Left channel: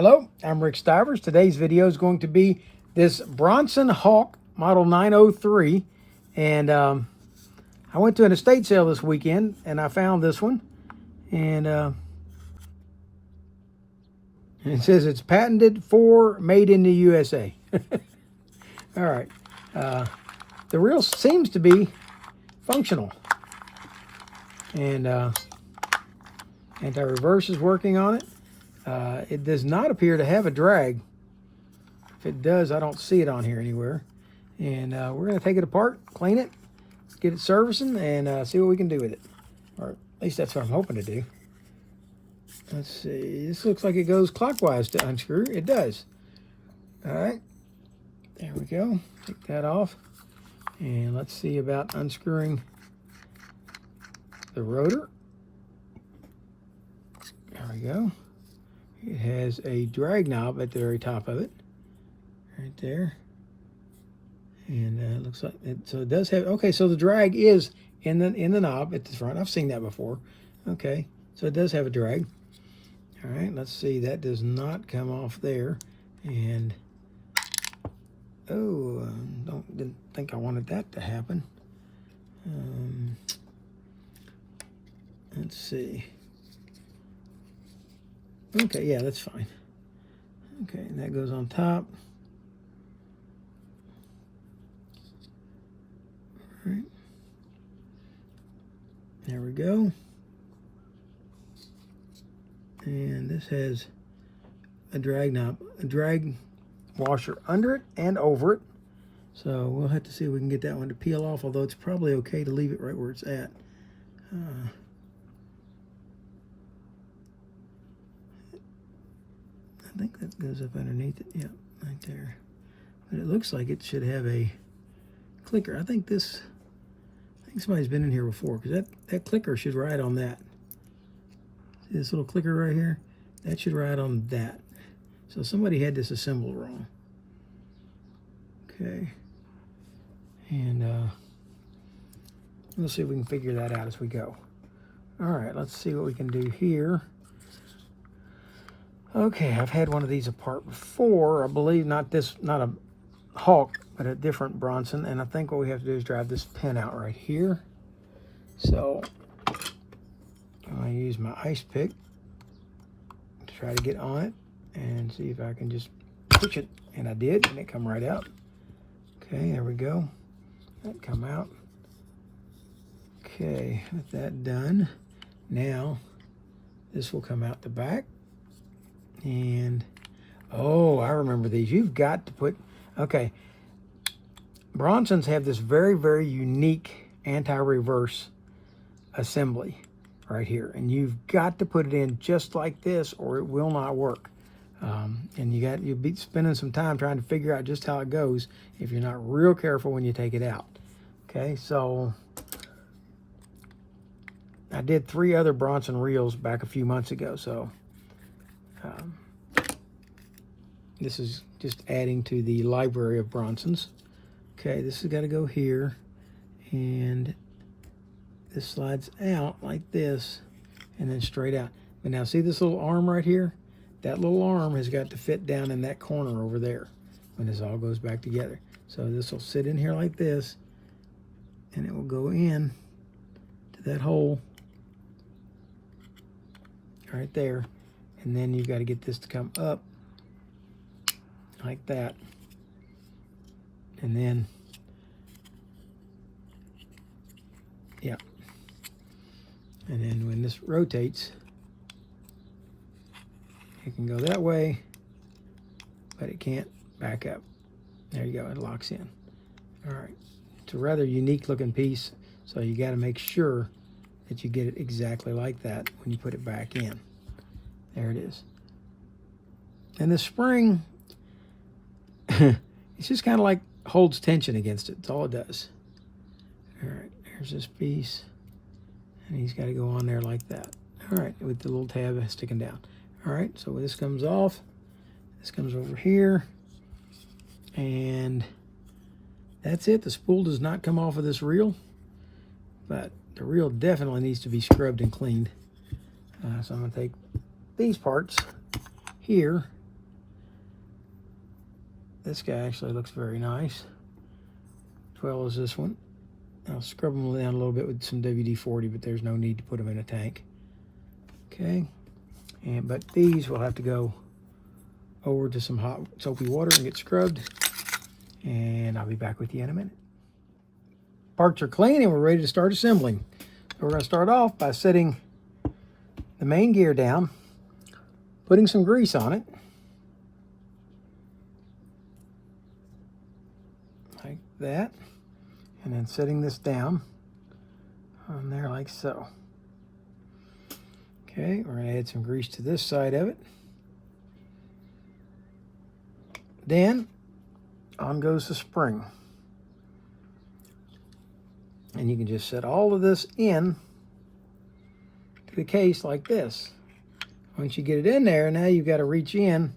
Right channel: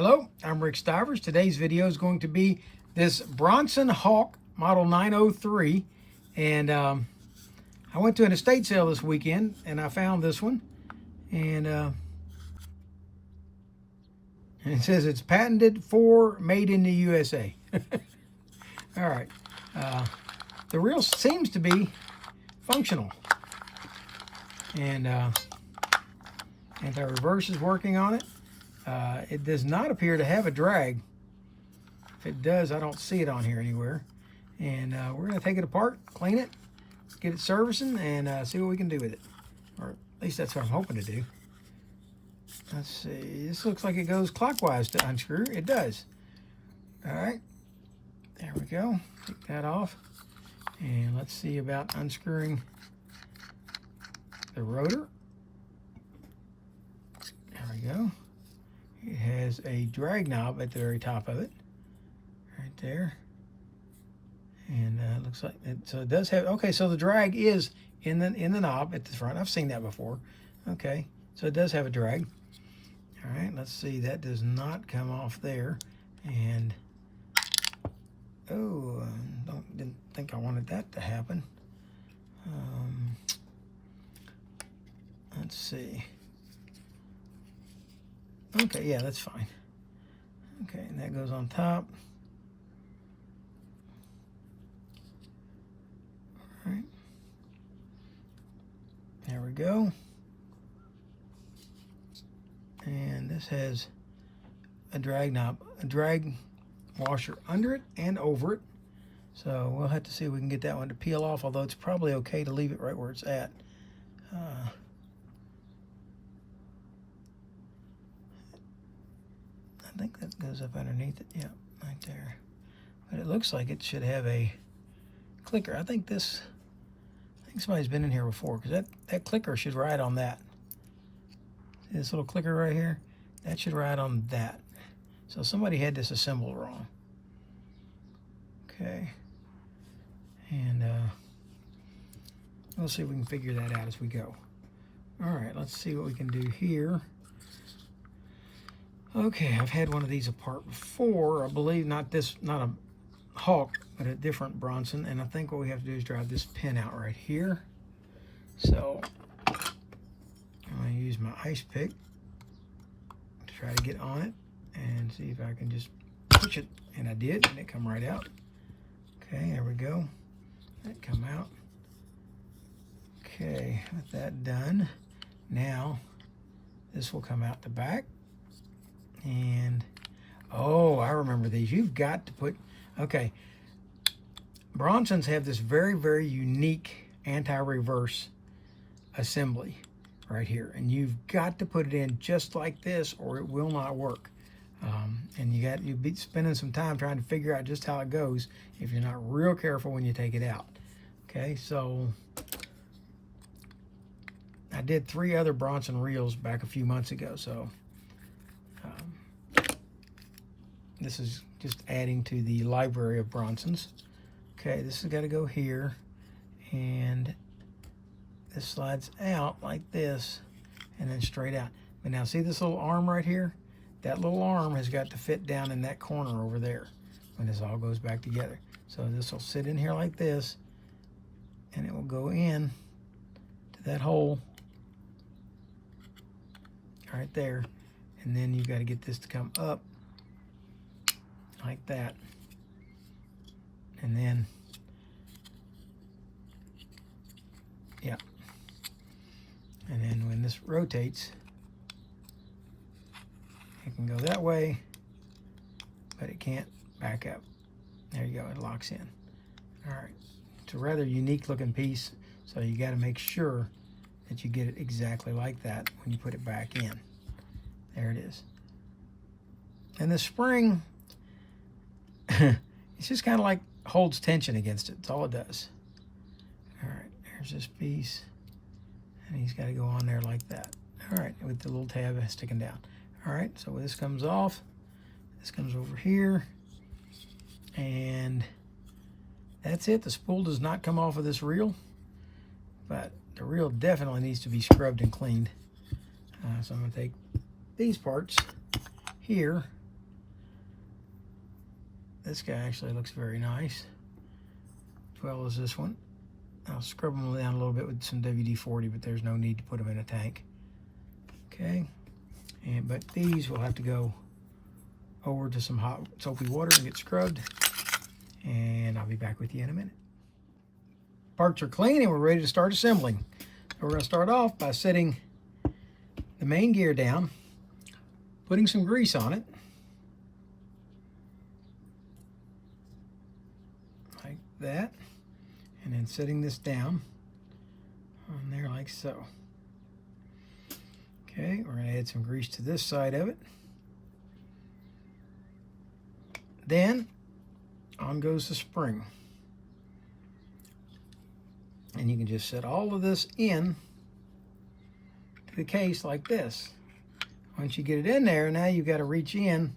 Hello, I'm Rick Stivers. Today's video is going to be this Bronson Hawk model 903, and I went to an estate sale this weekend and I found this one, and it says it's patented for made in the USA. All right, the reel seems to be functional, and anti-reverse is working on it. It does not appear to have a drag. If it does, I don't see it on here anywhere. And we're going to take it apart, clean it, get it servicing, and see what we can do with it. Or at least that's what I'm hoping to do. Let's see. This looks like it goes clockwise to unscrew. It does. All right. There we go. Take that off. And let's see about unscrewing the rotor. There we go. It has a drag knob at the very top of it, right there. And it looks like it, so it does have, okay, so the drag is in the knob at the front. I've seen that before. Okay, so it does have a drag. All right, let's see, that does not come off there. And oh, didn't think I wanted that to happen. Let's see. Okay, yeah, that's fine. Okay, and that goes on top. All right. There we go. And this has a drag knob, a drag washer under it and over it. So we'll have to see if we can get that one to peel off, although it's probably okay to leave it right where it's at. I think that goes up underneath it. Yeah, right there. But it looks like it should have a clicker. I think somebody's been in here before, because that clicker should ride on that. See this little clicker right here? That should ride on that. So somebody had this assembled wrong. Okay. And we'll see if we can figure that out as we go. All right, let's see what we can do here. Okay, I've had one of these apart before. I believe not a Hawk, but a different Bronson. And I think what we have to do is drive this pin out right here. So I use my ice pick to try to get on it and see if I can just push it. And I did, and it come right out. Okay, there we go. That come out. Okay, with that done, now this will come out the back. And oh, I remember these. You've got to put, okay, Bronsons have this very, very unique anti-reverse assembly right here, and you've got to put it in just like this or it will not work. And you'll be spending some time trying to figure out just how it goes if you're not real careful when you take it out. Okay, so I did 3 other Bronson reels back a few months ago, so this is just adding to the library of Bronsons. Okay, this has got to go here, and this slides out like this, and then straight out. And now see this little arm right here? That little arm has got to fit down in that corner over there when this all goes back together. So this will sit in here like this, and it will go in to that hole right there. And then you've got to get this to come up like that. And then, yeah. And then when this rotates, it can go that way, but it can't back up. There you go, it locks in. All right, it's a rather unique looking piece, so you got to make sure that you get it exactly like that when you put it back in. There it is. And the spring, it's just kind of like holds tension against it. That's all it does. All right, there's this piece, and he's got to go on there like that. All right, with the little tab sticking down. All right, so this comes off. This comes over here, and that's it. The spool does not come off of this reel, but the reel definitely needs to be scrubbed and cleaned. So I'm going to take these parts here This guy actually looks very nice, as well as this one. I'll scrub them down a little bit with some WD-40, but there's no need to put them in a tank. Okay, but these will have to go over to some hot soapy water and get scrubbed, and I'll be back with you in a minute. Parts are clean and we're ready to start assembling. So we're going to start off by setting the main gear down, putting some grease on it, like that, and then setting this down on there like so. Okay, we're going to add some grease to this side of it. Then on goes the spring. And you can just set all of this in to the case like this. Once you get it in there, now you've got to reach in.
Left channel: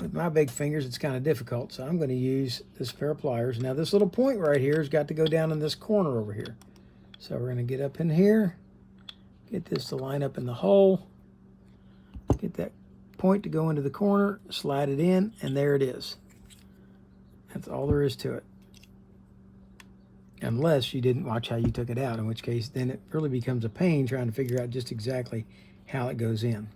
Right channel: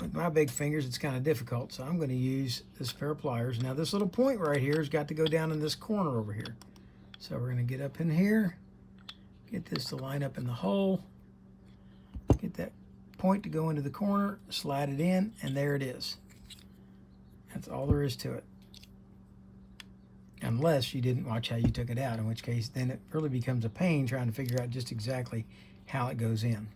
With my big fingers, it's kind of difficult, so I'm going to use this pair of pliers. Now this little point right here has got to go down in this corner over here. So we're going to get up in here, get this to line up in the hole, get that point to go into the corner, slide it in, and there it is. That's all there is to it. Unless you didn't watch how you took it out, in which case then it really becomes a pain trying to figure out just exactly how it goes in.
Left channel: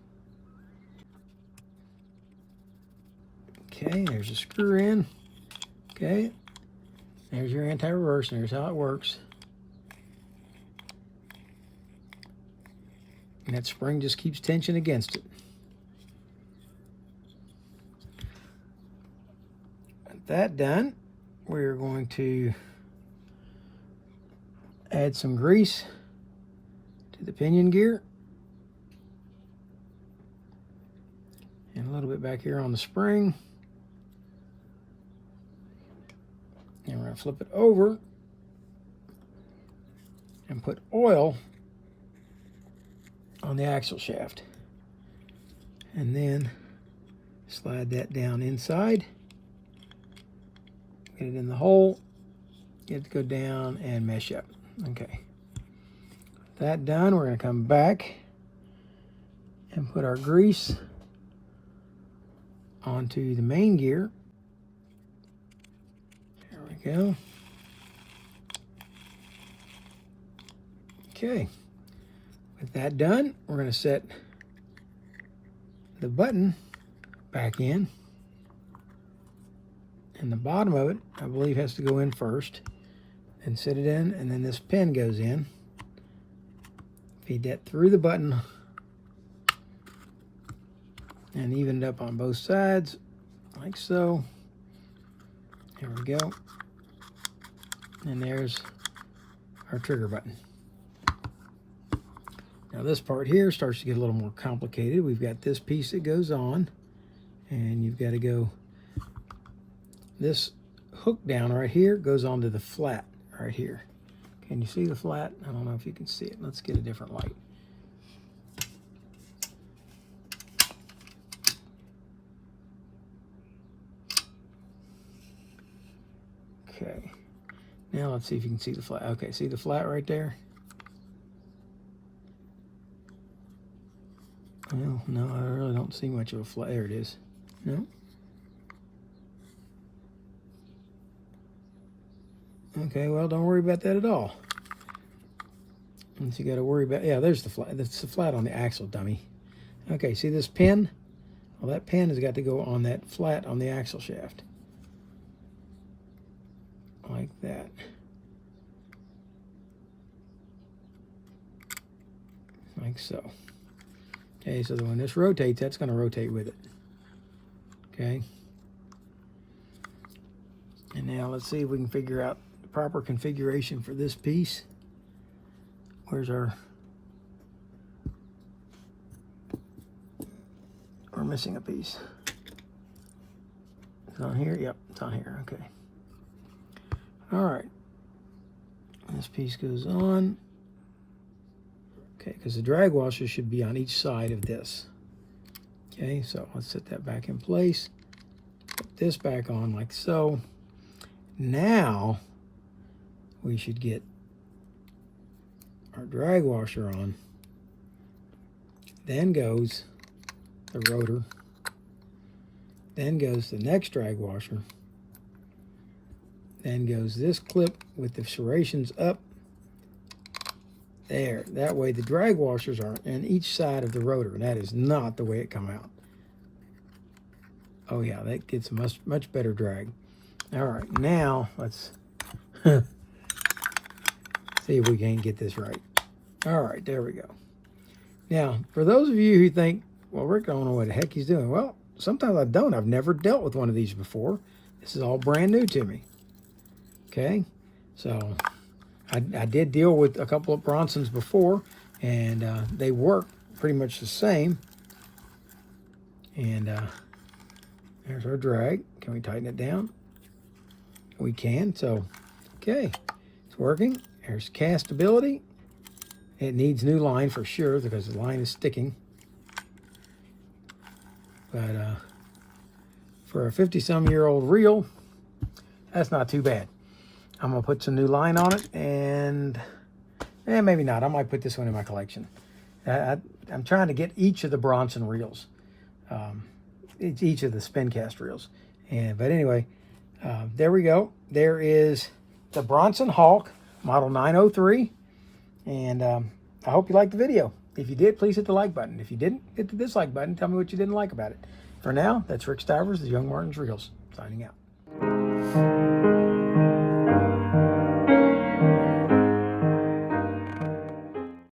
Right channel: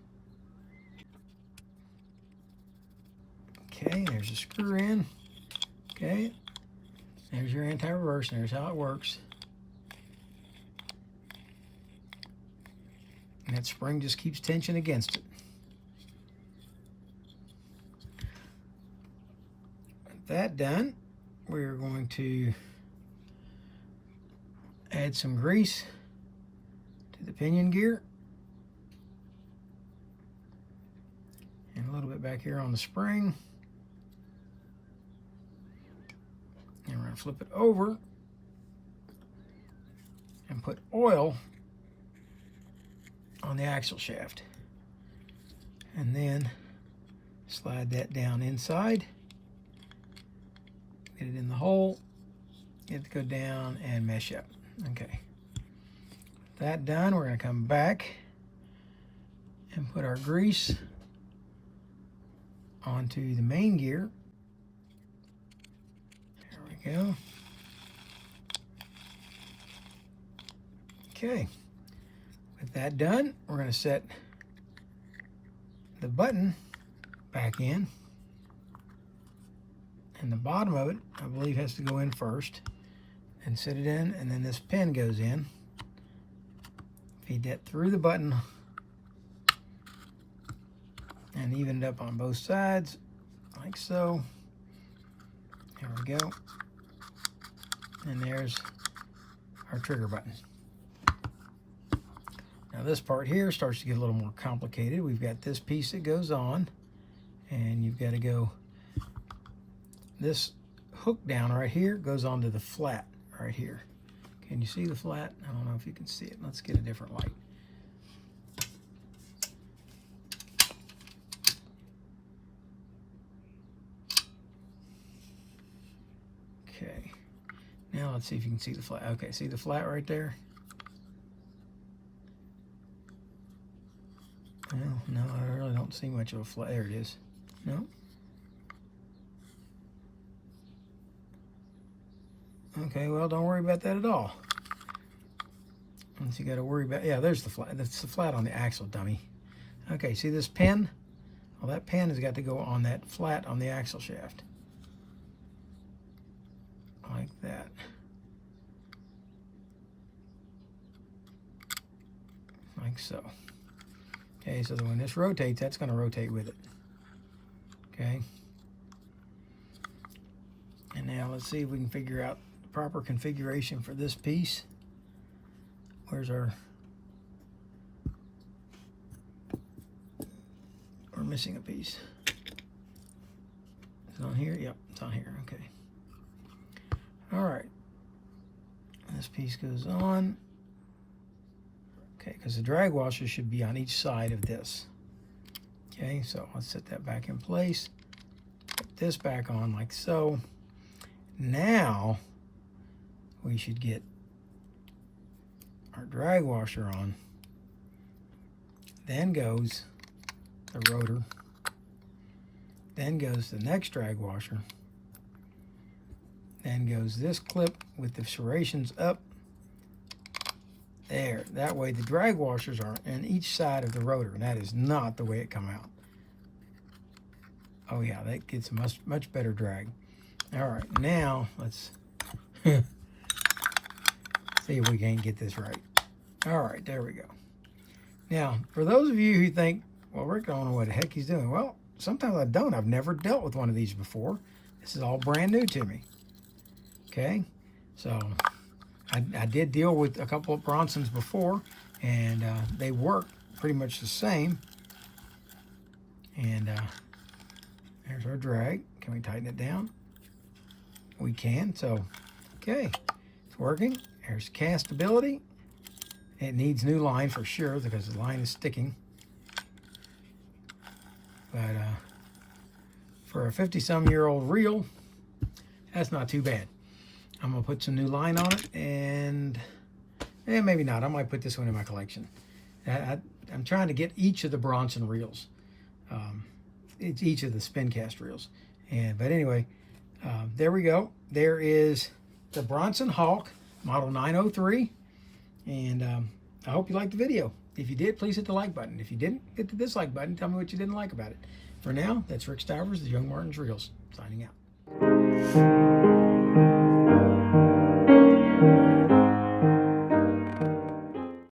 Okay, there's a screw in. Okay, there's your anti-reverse, and here's how it works. And that spring just keeps tension against it. With that done, we're going to add some grease to the pinion gear and a little bit back here on the spring, and we're going to flip it over and put oil on the axle shaft, and then slide that down inside, get it in the hole, get it to go down and mesh up. Okay, that done, we're going to come back and put our grease onto the main gear. There we go. Okay, with that done, we're going to set the button back in, and the bottom of it, I believe, has to go in first. And set it in, and then this pin goes in. Feed that through the button and even it up on both sides like so. Here we go. And there's our trigger button. Now this part here starts to get a little more complicated. We've got this piece that goes on, and you've got to go, this hook down right here goes onto the flat right here. Can you see the flat? I don't know if you can see it. Let's get a different light. Okay. Now let's see if you can see the flat. Okay, see the flat right there? No, I really don't see much of a flat. There it is. No? Okay, well, don't worry about that at all. Unless you got to worry about, yeah, there's the flat. That's the flat on the axle, dummy. Okay, see this pin? Well, that pin has got to go on that flat on the axle shaft. Like that. Like so. Okay, so when this rotates, that's going to rotate with it. Okay. And now let's see if we can figure out the proper configuration for this piece. Where's our... We're missing a piece. It's on here? Yep, it's on here. Okay. All right. This piece goes on. Okay, because the drag washer should be on each side of this. Okay, so let's set that back in place. Put this back on like so. Now we should get our drag washer on. Then goes the rotor. Then goes the next drag washer. Then goes this clip with the serrations up. There. That way the drag washers are in each side of the rotor. And that is not the way it come out. Oh yeah, that gets much better drag. All right, now let's see if we can get this right. All right, there we go. Now, for those of you who think, well, Rick, I don't know what the heck he's doing. Well, sometimes I don't. I've never dealt with one of these before. This is all brand new to me. Okay, so I did deal with a couple of Bronsons before, and they work pretty much the same. And there's our drag. Can we tighten it down? We can. So, okay, it's working. There's castability. It needs new line for sure because the line is sticking. But for a 50-some-year-old reel, that's not too bad. I'm going to put some new line on it, and maybe not. I might put this one in my collection. I'm trying to get each of the Bronson reels. It's each of the spincast reels. But anyway, there we go. There is the Bronson Hawk, model 903. And I hope you liked the video. If you did, please hit the like button. If you didn't, hit the dislike button. Tell me what you didn't like about it. For now, that's Rick Stivers, the Young Martin's Reels, signing out.